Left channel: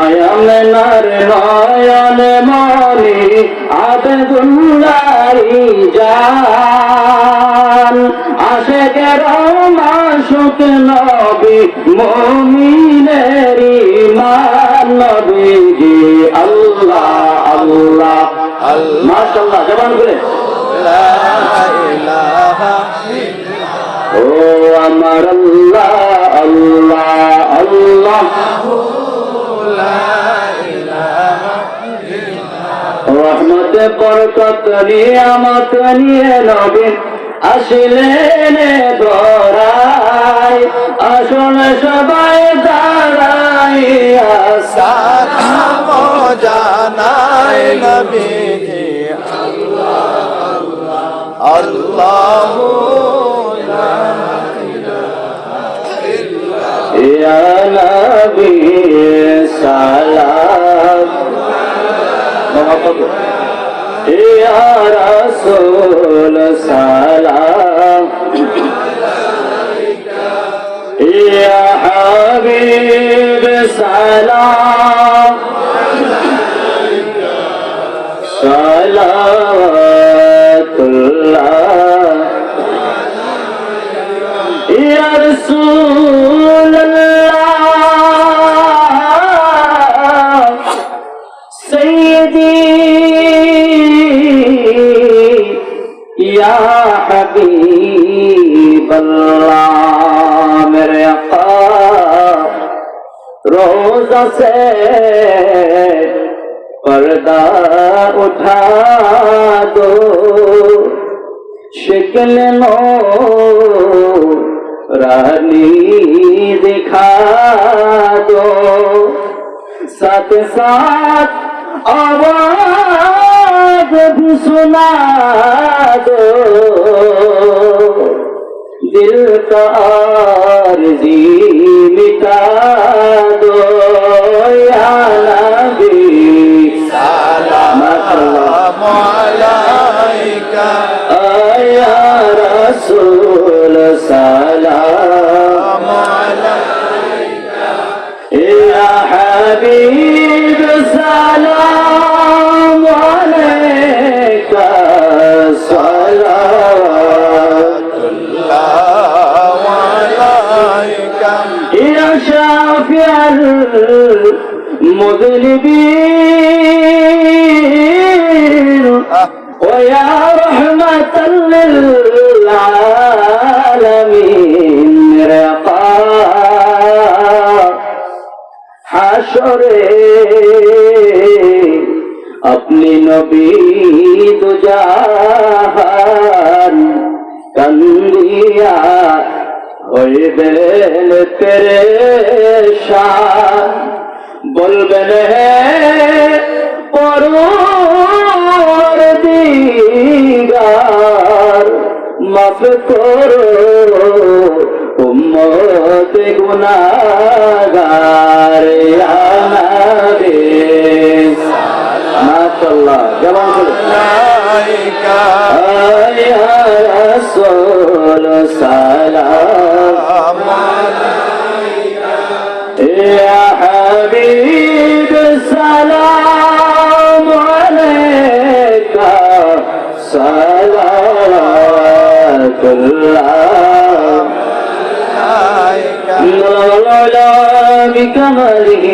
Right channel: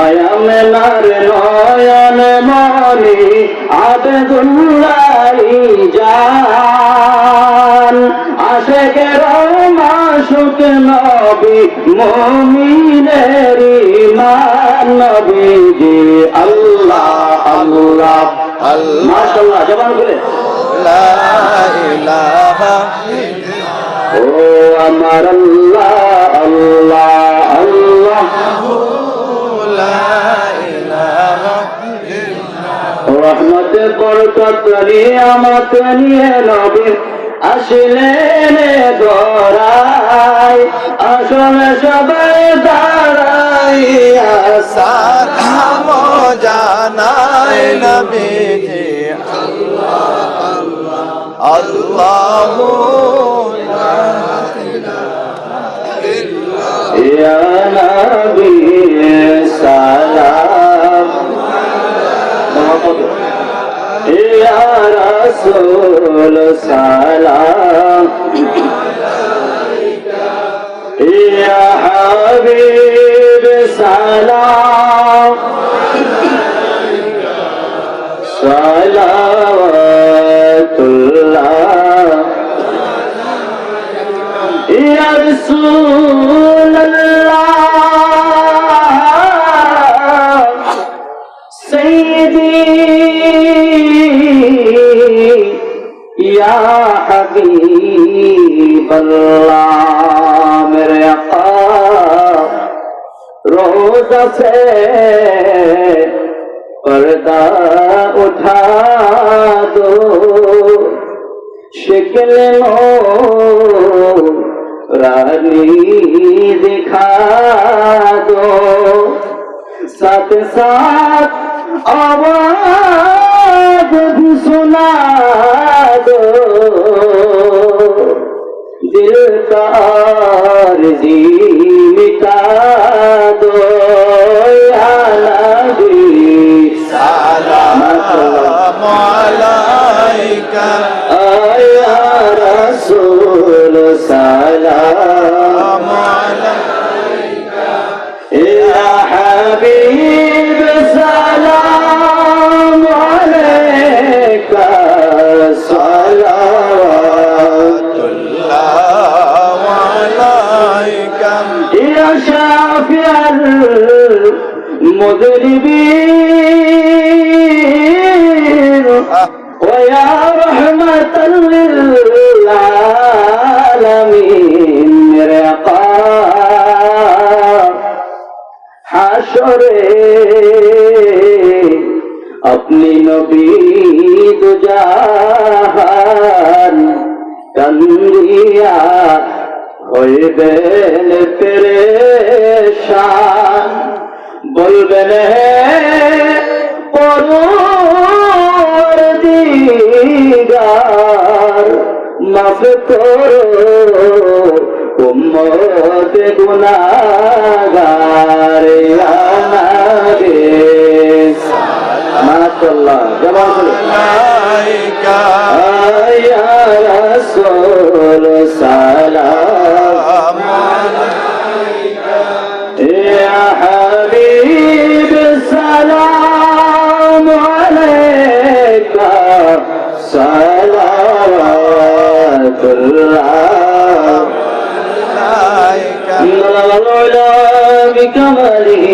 নয়নার নয়ন মনি আব্দুল্লাহি জান আশিকের মাশুক নবী মুমিনের ঈমান নবীজি আল্লাহ আল্লাহ মাশাআল্লাহ জবান খুলে লা ইলাহা ও আমার আল্লাহ আল্লাহ আল্লাহ রহমত বরকত নিয়ামত নিয়ে নবী আসলেন ধরায় আসলে সবাই দাঁড়াইয়া সালাম জানায় নবীজি আল্লাহ ইয়া নবী সালাম ইয়া রাসূল সালাম ইয়া হাবিব সালাম সালাওয়াতুল্লাহ ইয়া রাসূলুল্লাহ সাইয়্যিদি ইয়া হাবিবাল্লাহ মেরে আকা रोज़ा से पर्दा उठा दो शिकल नूरानी दिखा दो साथ साथ आवाज़ भी सुना दो दिल का आरज़ी मिटा दो या नबी सलाम अलैका या रसूल सलाम अलैका या हबीब सलाम अलैका يا شافع المذنبين ويا رحمة للعالمين رقا حشره अपनी नबी गुजाहान कंदिया হইবেন পেরেশান বলবেন হে পরওয়ারদিগার মাফ করো উম্মত গুনাহগার ইয়া নবী মাশাআল্লাহ জবান আলাইকা ইয়া রাসূল সালাম আলাইকা ইয়া হাবিব সালাম আলাইকা সালাওয়াতুল্লাহ আলাইকা বিকামালিহি